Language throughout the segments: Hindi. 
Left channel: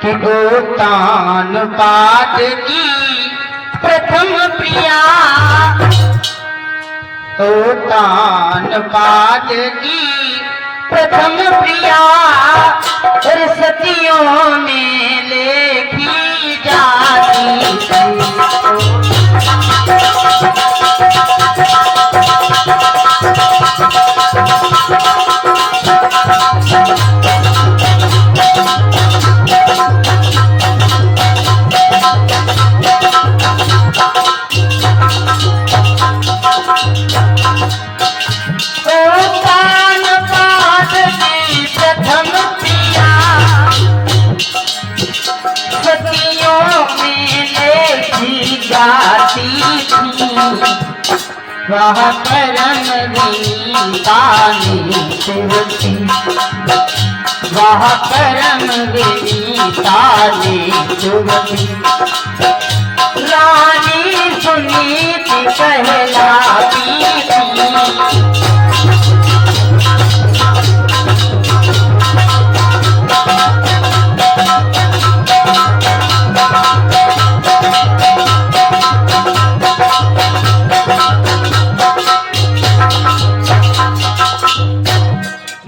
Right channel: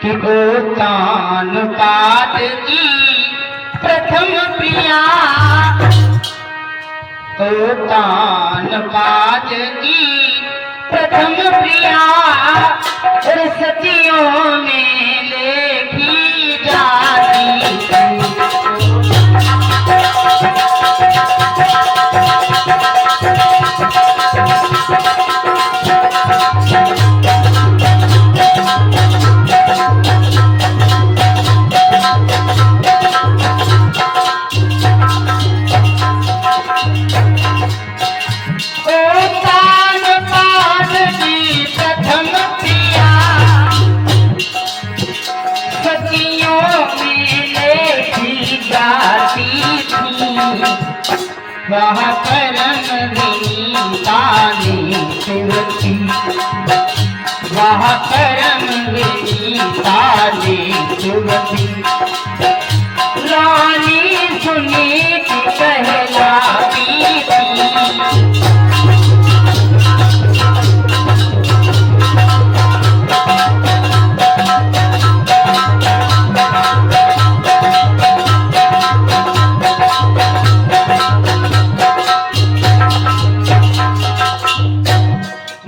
कि गोतान पात की प्रथम प्रिया, गोतान पात की प्रथम प्रिया, और सतियों में लेखी जाती वह करम रीता निश्चुति, वह करम रीता निश्चुति। रानी सुनीति कहलाती थी,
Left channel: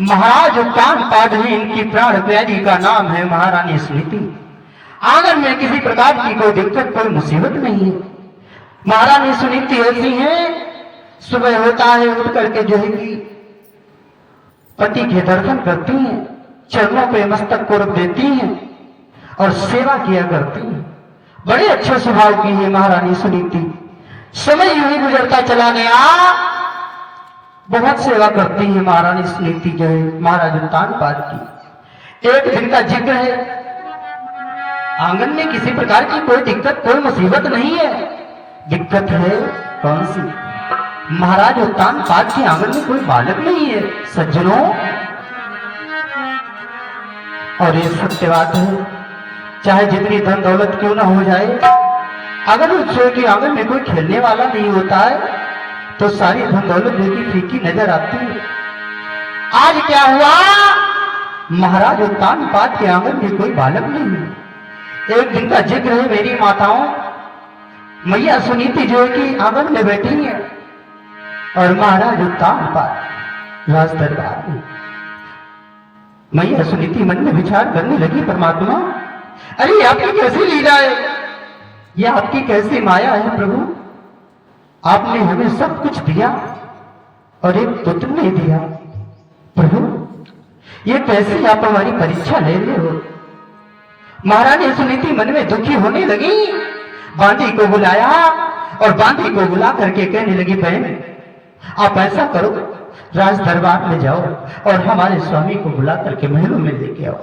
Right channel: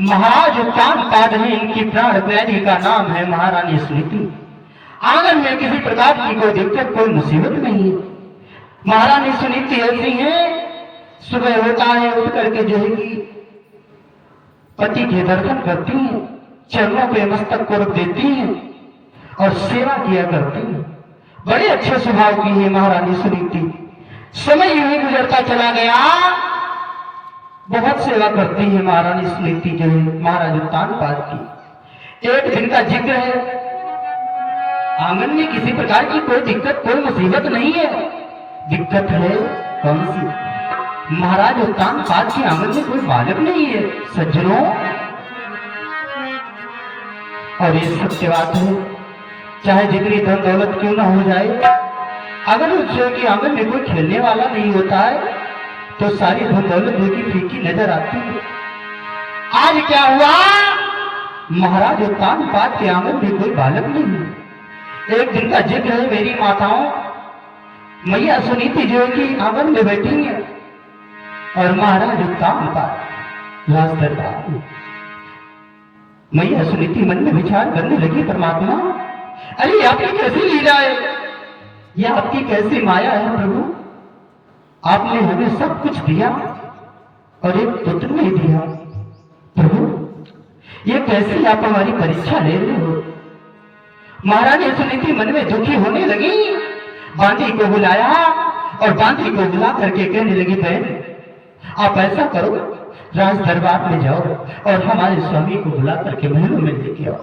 महाराज उत्तान पादरी इनकी प्राण प्यारी का नाम है महारानी सुनीति। आंगन में किसी प्रकार की कोई दिक्कत कोई मुसीबत नहीं है। महारानी सुनीति ऐसी है, सुबह होता है उठ करके जो है कि पति के दर्शन करती हैं, चरणों पे मस्तक को रख देती हैं और सेवा किया करती हैं। बड़े अच्छे स्वभाव की है महारानी सुनीति। समय यूं ही गुजरता चला गया, बहुत सेवा करती है महारानी सुनीति जो है महाराज उत्तान पाद की। एक दिन का जिक्र है, आंगन में किसी प्रकार की कोई दिक्कत कोई मुसीबत नहीं है। दिक्कत है कौन सी? महाराज उत्तान पाद के आंगन में कोई बालक नहीं है सज्जनों। और ये सत्य बात है, चाहे जितनी धन दौलत क्यों ना हो जाए, अगर उस के आंगन में कोई खेलने वाला नहीं होता है तो सारी धन दौलत की फीकी नजर आती है। आज क्या हुआ? महाराज उत्तान पाद के आंगन में कोई बालक नहीं है। एक दिन का जिक्र है, मेरी माताओं मैया सुनीति जो है कि आंगन में बैठी है और महाराज उत्तान पाद राज दरबार में। मैया सुनीति मन में विचार करने लगी, परमात्मा अरे आपकी कैसी लीला है, यह आपकी कैसी माया है प्रभु। आपने हमें सब कुछ दिया और एक पुत्र नहीं दिया प्रभु, ये कैसी आप हमारी परीक्षा ले रहे हो। महारानी सुनीति मन में दुखी होने लगी, बांदी को बुलाया और बांदी को बुला करके कहने लगी, बहन आप ऐसा करो, राज दरबार में जाओ और हमारे स्वामी को बुला करके महलों में लेके आओ।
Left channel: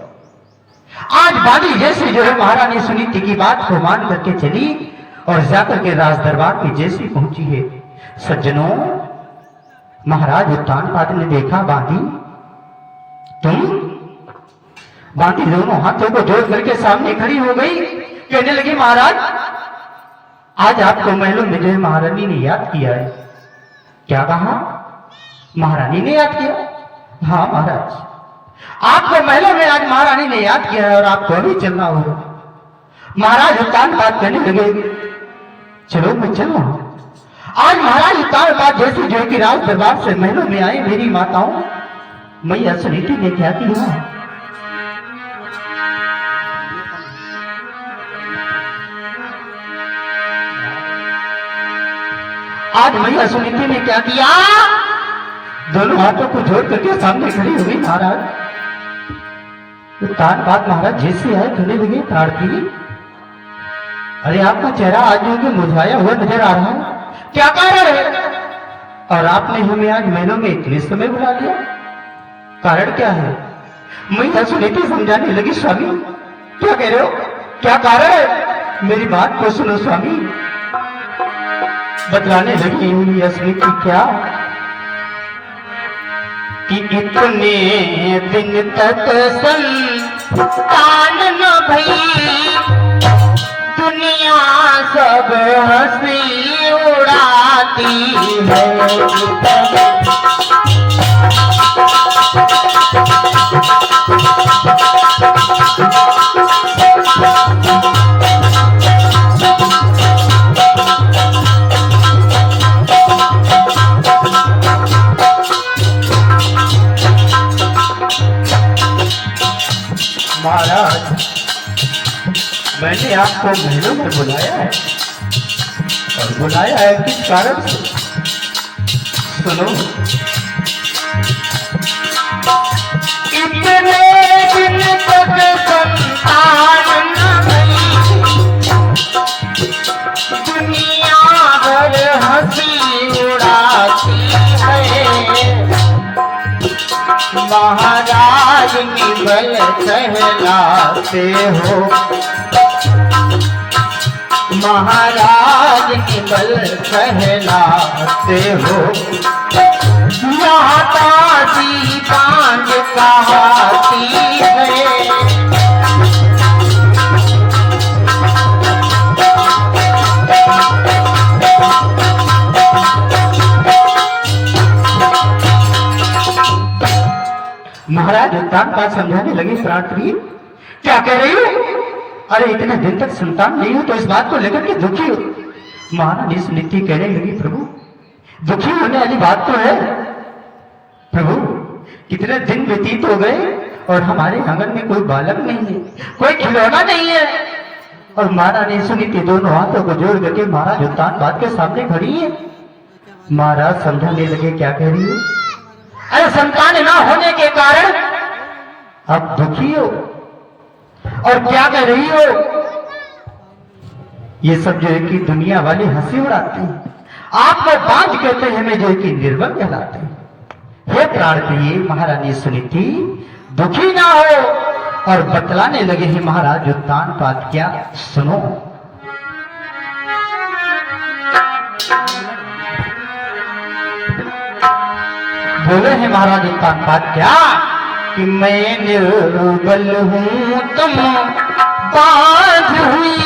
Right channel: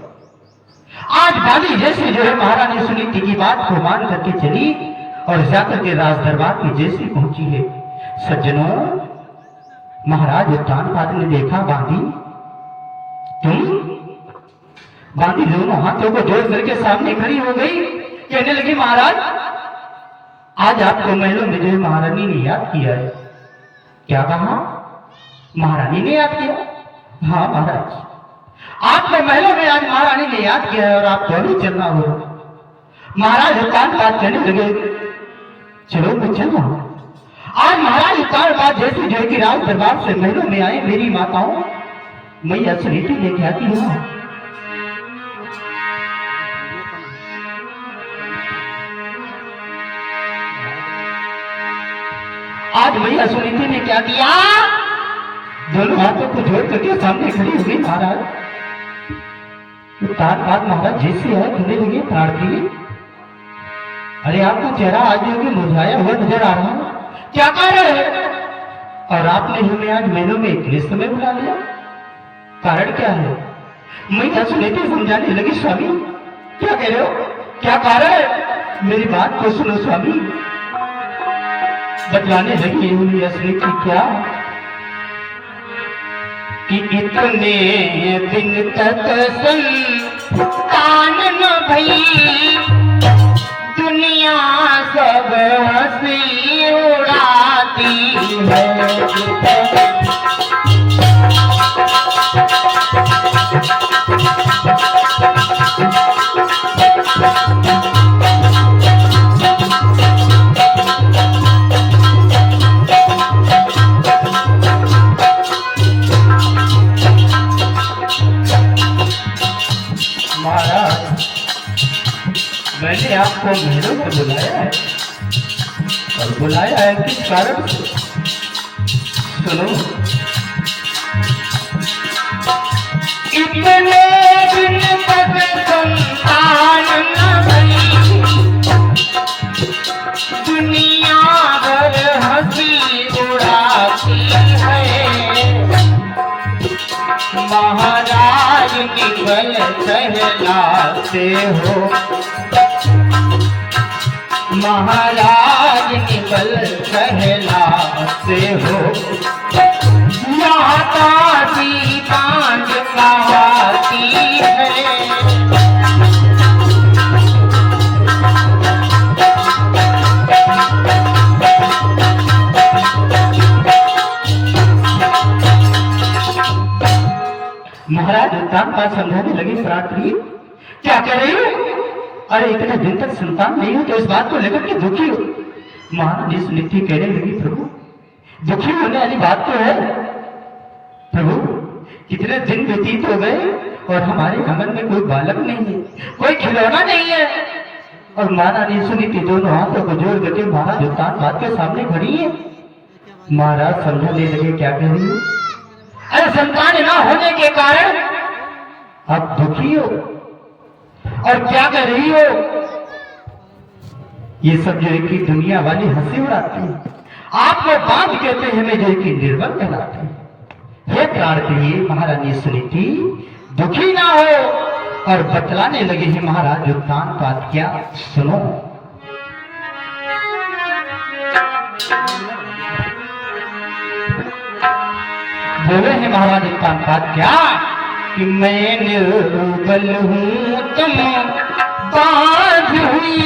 आज बांदी जैसे जो है महारानी सुनीति की बात को मान करके चली और जाकर के राज दरबार की जैसी पहुंची है। सज्जनों, महाराज उत्तान पाद ने देखा, बांदी दोनों हाथों को जोड़ करके सामने खड़ी हो गई, कहने लगी महाराज आज आपको महलों में जो महारानी ने याद किया है। क्या कहा? महारानी ने याद किया? हाँ महाराज, आपको महलों में आज महारानी ने याद किया है और आपको अभी चलना होगा। महाराज उत्तान पाद कहने लगे, चलो मैं चलो। आज महाराज उत्तान पाद जैसे जो कि राज दरबार से महलों में आए, मेरी माताओं मैया सुनीति ने क्या किया? आज मैया सुनीति ने क्या किया? दोनों हाथों को जोड़ करके सामने खड़ी हुई। महाराज उत्तान पाद महाराज जैसे है कहने लगे, प्रार्थी अरे आपका चेहरा आज जो मुरझाया हुआ नजर आ रहा है, क्या कारण है? और आपने हमें आज महीनों में इतने समय बुला लिया, कारण क्या है? मैं सुनीति समझाने लगी, स्वामी क्या कह रहे हो, क्या कारण है? मेरी बात को सुनो स्वामी। बतलाने लगी सुनीति क्या कि इतने दिन तक संतान न भई, दुनिया सब हंसी उड़ाती है। महाराज, मैंने आपको महलों में बुलाया है, और बुलाया है किस कारण से? सुनो, इतने दिन तक संतान न मिली, दुनिया भर हंसी उड़ाती है। महाराज निगल कहलाते हो, महाराज निगल कहलाते हो। माता जी पांच कहाती है। महाराज उत्तान का समझाने लगी प्रार्थी, क्या कह रही हो? अरे इतने दिन तक संतान नहीं हो तो इस बात को लेकर के दुखी हो? महारानी सुनीति कहने लगी, प्रभु दुखी होने वाली बात तो है प्रभु, कितने दिन व्यतीत हो गए और हमारे आंगन में कोई बालक नहीं है, कोई खिलौना नहीं है। और महारानी सुनीति दोनों हाथों को जोड़ करके महाराज उत्तान बात के सामने खड़ी है। महाराज समझाने लगे, क्या कह रही है? अरे संतान ना होने के कारण आप दुखी हो और क्या कर रही हो? ये सब जो है कि दुनिया वाले हंसी उड़ाते हैं, आपको बांझ कहते हैं, हमें जो है कि निर्बल कहलाते हैं। हे प्रार्थी, महारानी सुनीति दुखी ना हो। और बतलाने लगे हैं महाराज उत्तान बात, क्या सुनो। बोले हैं महाराज उत्तान बात, क्या कि मैं निर्बल हूँ तुम बांझ हुई,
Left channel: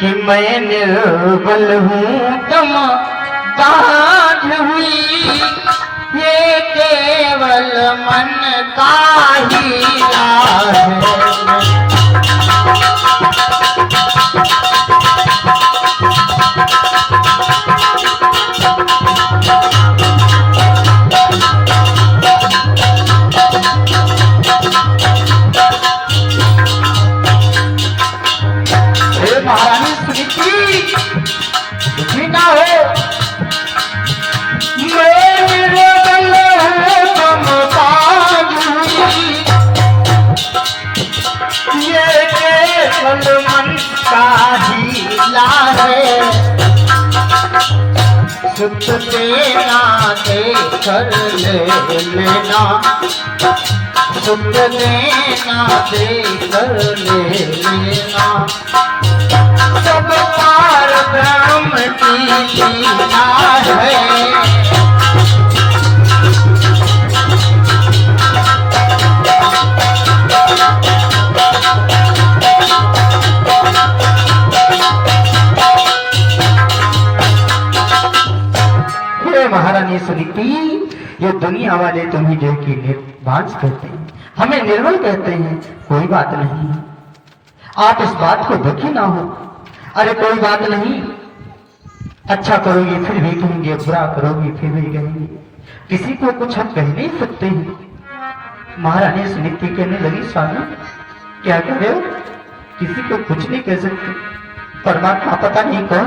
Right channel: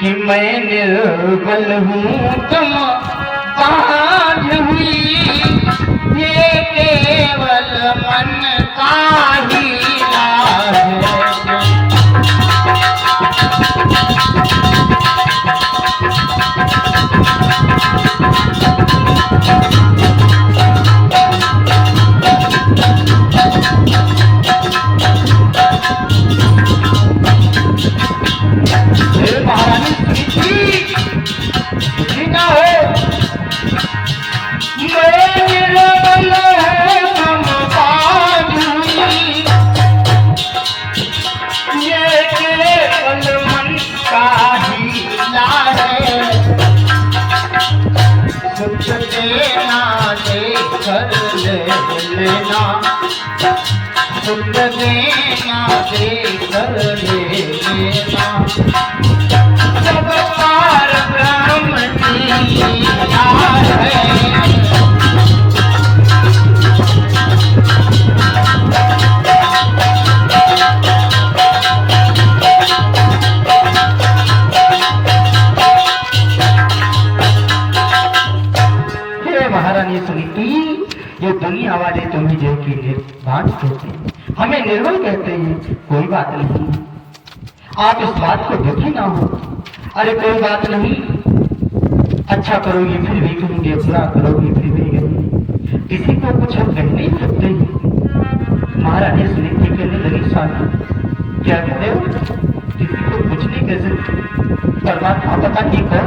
कि मैं निर्बल हूँ तुम बांझ हुई। ये केवल मन का ही लाज है। सुख देना दे कर लेना, सुख देना दे कर लेना। सब पार ब्रह्म की लीला है। महारानी सुनीति, ये दुनिया वाले तुम्हें जो कि निर्वांस कहते हैं, हमें निर्बल कहते हैं, कोई बात नहीं, आप इस बात को दुखी ना हो। अरे कोई बात नहीं, अच्छा करोगी फिर भी कहेंगे, बुरा करोगी फिर भी कहेंगे, किसी को कुछ हम कह नहीं सकते हैं। महारानी सुनीति कहने लगी, स्वामी क्या कह रहे हो? किसी को कुछ नहीं कह सकते, परमात्मा पता नहीं कौन